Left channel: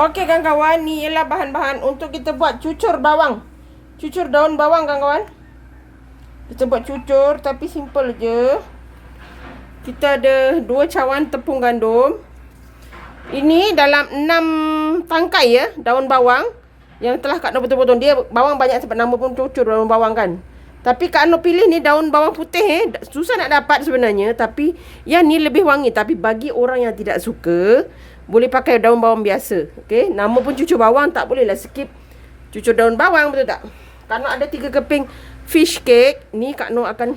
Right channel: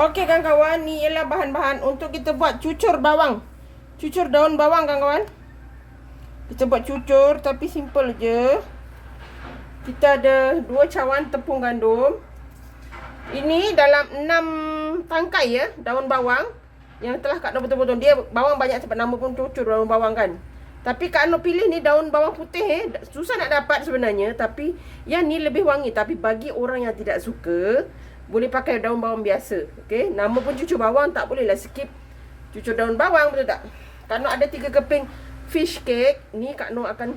Okey kawan-kawan, ni ialah bahan-bahan untuk kita buat cucur bawang. Cucur daun bawang kawan-kawan. Kita buat cucur tapi simple je. Kita ada 2 cawan tepung gandum. Ini dalam 6 tangkai ya, daun bawang yang telah Kak Nur potong-potong. Dia bawang banyak sebab nama pun cucur daun bawang kan. Tapi Kak Nur pilih ni daun bawang putih susah nak dapat sebenarnya, tapi yang ni lebih wangi. Tapi bagi orang yang tidak suka, boleh pakai daun bawang biasa. Okey, nama pun cucur bawang, tak bolehlah skip cucur daun bawang, betul tak? Kak Nur ada 3 keping fish cake. Ni Kak Nur akan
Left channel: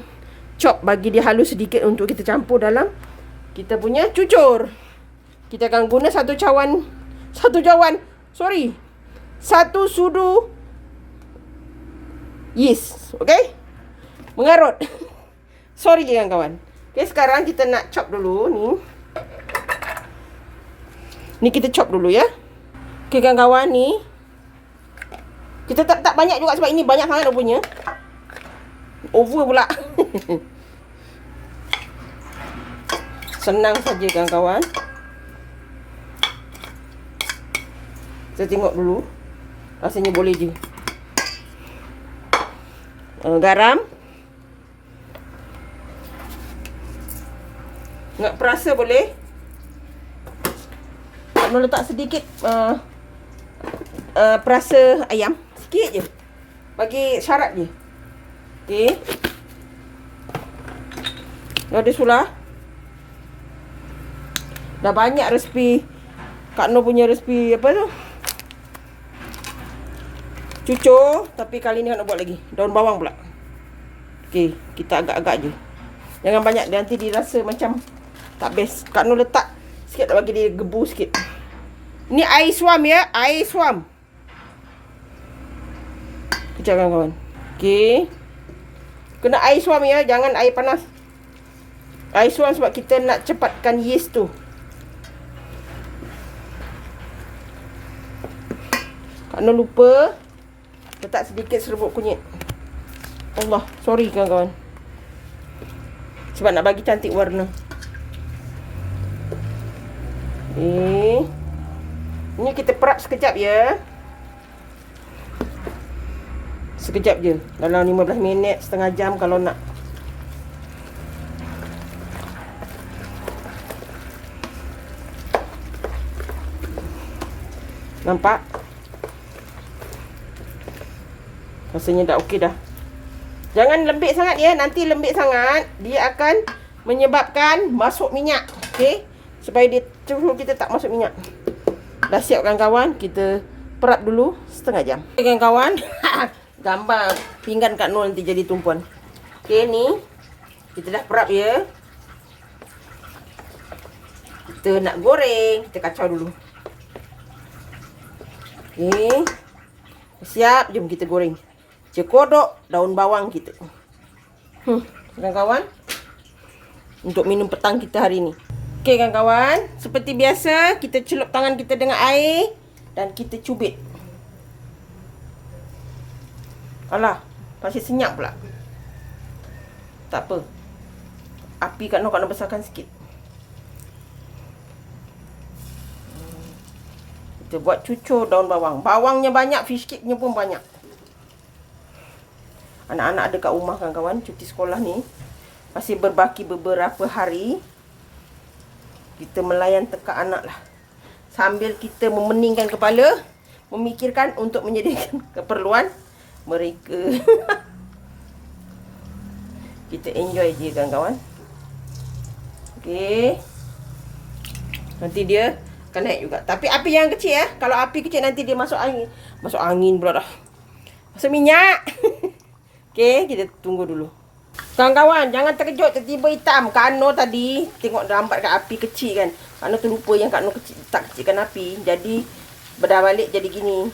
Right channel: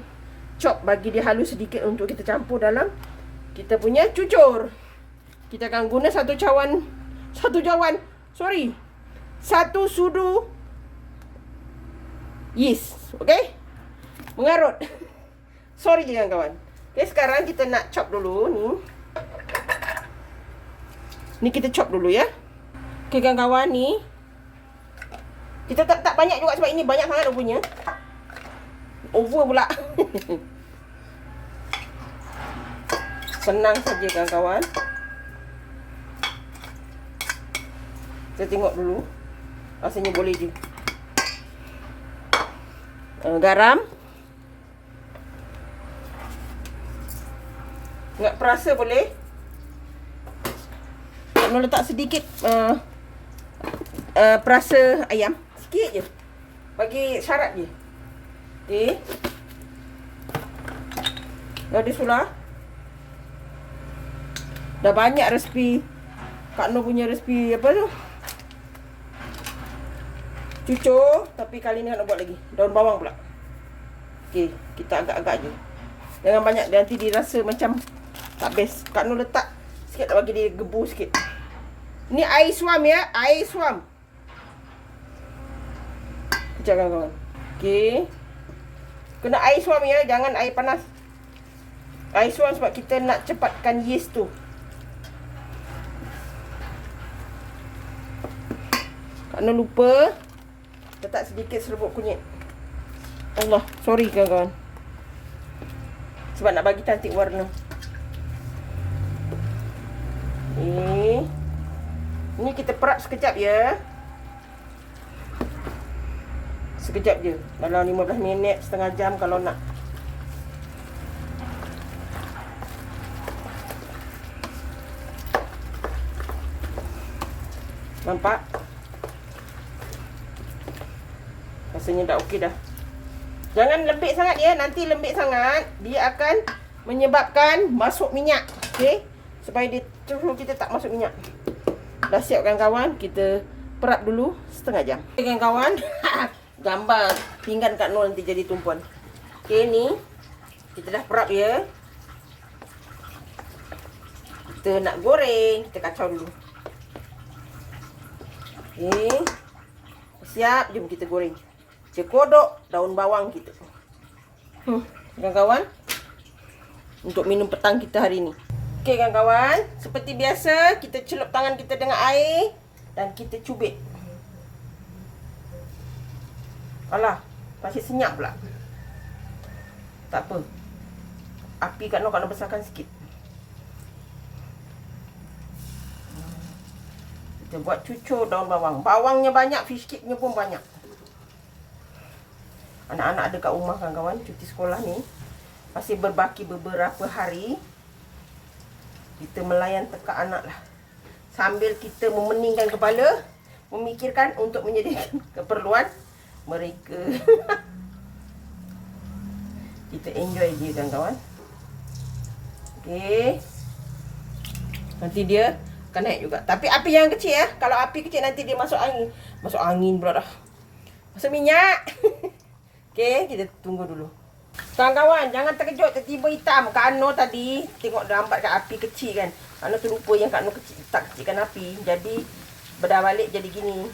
chop bagi dia halus sedikit untuk kita campur dalam kita punya cucur. Kita akan guna 1 sudu yeast. Okey? Mengarut. Sorry je kawan-kawan. Okey, sekarang kita nak chop dulu ni. Ni kita chop dulu ya. Okey kawan-kawan, ni kita tak banyak juga sebab ini banyak sangat punya. Over pula. Senang saja kawan-kawan. Saya tengok dulu. Rasanya boleh je. Garam. Nak perasa boleh. Nak letak sedikit perasa ayam. Sikit je. Bagi syarat je. Okey. Dah ada sulah. Dah banyak resipi. Kak Nur punya resipi apa tu? Cucur. Tapi kali ni Kak Nur buat lagi daun bawang pula. Okey, kita agak-agak je. Jangan banyak, nanti dirasa macam tak best. Kak Nur letak sikit, tak bagi dia gebu sikit. Ni air suam ya, air suam. Kejap kawan-kawan. Okey. Kena air suam ya, jangan air panas. Air suam sebab kita nak cepatkan yeast tu. Kak Nur lupa letak sedikit serbuk kunyit. Allah, sorry kawan-kawan. Sebab nak bagi cantik warna. Ini kita perap sekejap ya. Sekejap je. Dalam 15 minit, setengah jam kalau nak. Nampak? Rasanya dah okey dah. Jangan lembik sangat ya. Nanti lembik sangat, dia akan menyebabkan masuk minyak. Okey? Supaya dia terus kita tak masuk minyak. Dah siap kawan-kawan. Kita perap dulu setengah jam. Okey kawan-kawan. Gambar pinggan Kak Nur nanti jadi tumpuan. Okey, ni kita dah perap ya. Kita nak goreng. Kita kacau dulu. Okey. Siap, jom kita goreng. Cekodok daun bawang kita. Kawan-kawan, untuk minum petang kita hari ni. Okey kawan-kawan, seperti biasa kita celup tangan kita dengan air dan kita cubit. Alah, masih senyap pula. Tak apa. Api Kak Nur besarkan sikit. Kita buat cucur daun bawang. Bawangnya banyak, fish cake-nya pun banyak. Anak-anak ada kat rumah kawan-kawan, cuti sekolah ni. Masih berbaki beberapa hari. Kita melayan teka anak lah. Sambil kita memeningkan kepala, memikirkan untuk menyediakan keperluan mereka. Kita enjoy je kawan-kawan. Okey. Nanti dia akan naik juga. Tapi api yang kecil ya. Kalau api kecil nanti dia masuk angin. Masuk angin pula dah. Masuk minyak. Okey, kita tunggu dulu. Kawan-kawan, jangan terkejut tiba-tiba hitam. Kak Nur tadi tengok lambat kat api kecil kan. Kak Nur terlupa yang Kak Nur tak kecilkan api. Jadi berdabalik jadi gini.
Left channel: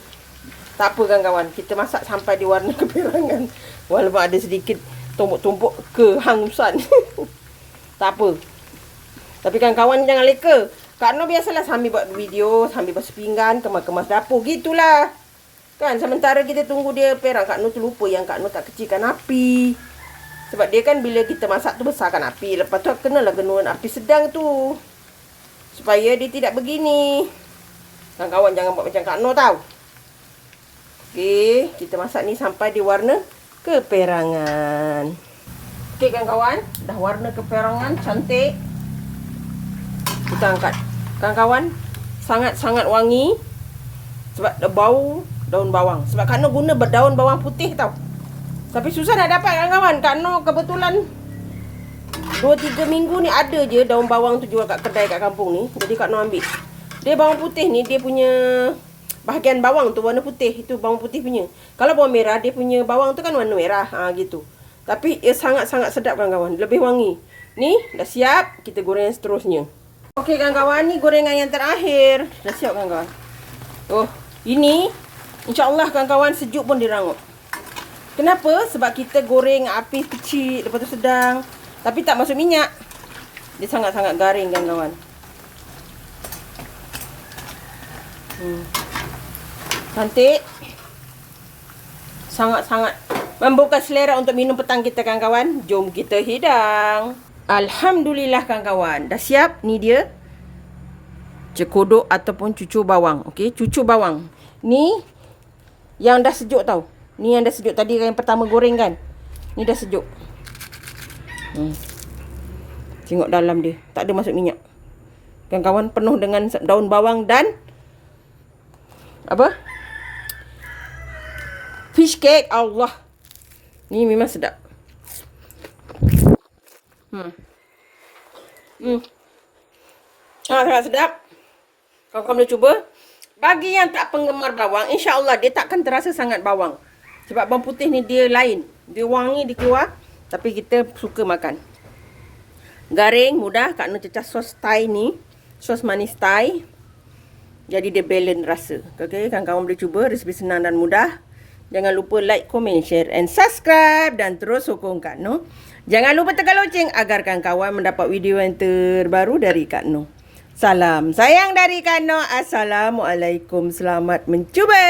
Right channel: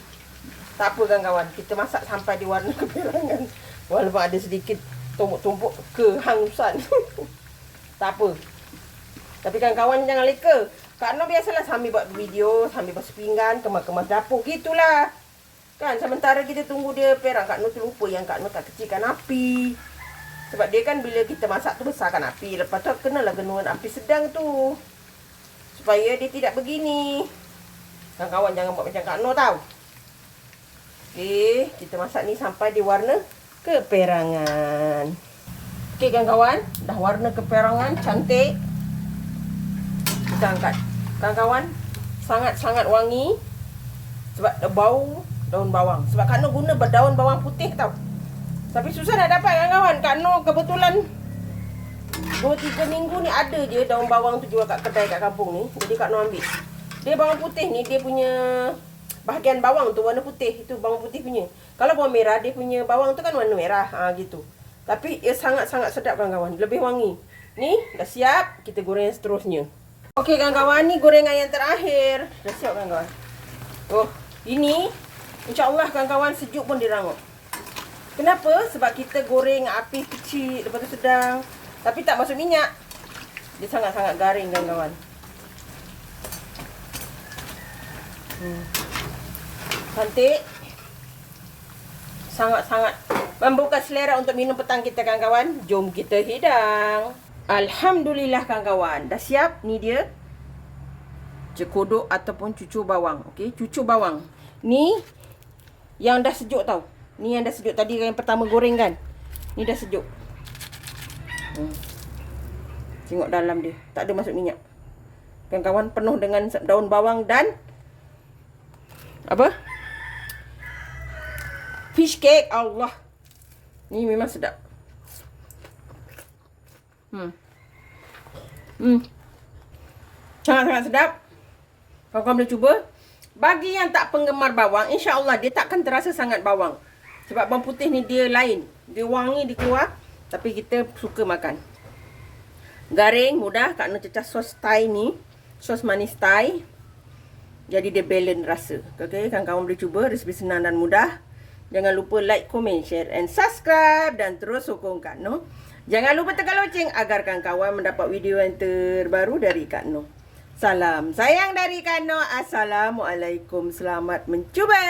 Tak apa kawan-kawan, kita masak sampai di warna keperangan. Walaupun ada sedikit tumpuk-tumpuk kehangusan. Tak apa. Tapi kawan-kawan jangan leka. Kak Nur biasalah sambil buat video, sambil basuh pinggan, kemas-kemas dapur. Gitulah. Kan, sementara kita tunggu dia perang, Kak Nur terlupa yang Kak Nur tak kecilkan api. Sebab dia kan bila kita masak tu besarkan api. Lepas tu kenalah genuran api sedang tu. Supaya dia tidak begini. Kawan-kawan jangan buat macam Kak Noh tau. Okey, kita masak ni sampai dia warna keperangan. Okey kawan-kawan, dah warna keperangan cantik. Kita angkat. Kawan-kawan, sangat-sangat wangi sebab ada bau daun bawang. Sebab Kak Noh guna daun bawang putih tau. Tapi susah nak dapat kawan-kawan. Kak Noh kebetulan 2-3 minggu ni ada je daun bawang tu jual kat kedai kat kampung ni. Jadi Kak Noh ambil. Dia bawang putih ni, dia punya bahagian bawang tu warna putih. Itu bawang putih punya. Kalau bawang merah, dia punya bawang tu kan warna merah. Gitu. Tapi ia sangat-sangat sedap kawan-kawan. Lebih wangi. Ni dah siap. Kita goreng yang seterusnya. Okey kawan-kawan, ni gorengan yang terakhir. Dah siap kawan-kawan. Oh, ini insya-Allah kawan-kawan sejuk pun dirangup. Kenapa? Sebab kita goreng api kecil, lepas tu sedang. Tapi tak masuk minyak. Dia sangat-sangat garing kawan-kawan. Cantik. Sangat-sangat membuka selera untuk minum petang kita kawan-kawan. Jom kita hidang. Alhamdulillah kawan-kawan. Dah siap. Ni dia. Cekodok ataupun cucur bawang. Okey, cucur bawang. Ni yang dah sejuk tau. Ni yang dah sejuk. Tadi yang pertama goreng kan. Ni dah sejuk. Tengok dalam dia. Tak ada masuk minyak. Kawan-kawan, penuh dengan daun bawang dan apa? Fish cake. Allah. Ni memang sedap. Sangat-sangat sedap. Kawan-kawan boleh cuba. Bagi yang tak penggemar bawang, insya-Allah dia takkan terasa sangat bawang. Sebab bawang putih ni dia lain. Dia wangi, dia keluar. Tapi kita suka makan. Garing, mudah. Kak Noh cecah sos Thai ni. Sos manis Thai. Jadi dia balance rasa. Okay, kawan-kawan boleh cuba. Resipi senang dan mudah. Jangan lupa like, komen, share and subscribe. Dan terus sokong Kak Noh. Jangan lupa tekan loceng agar kawan-kawan mendapat video yang terbaru dari Kak Noh. Salam sayang dari Kak Noh. Assalamualaikum. Selamat mencuba.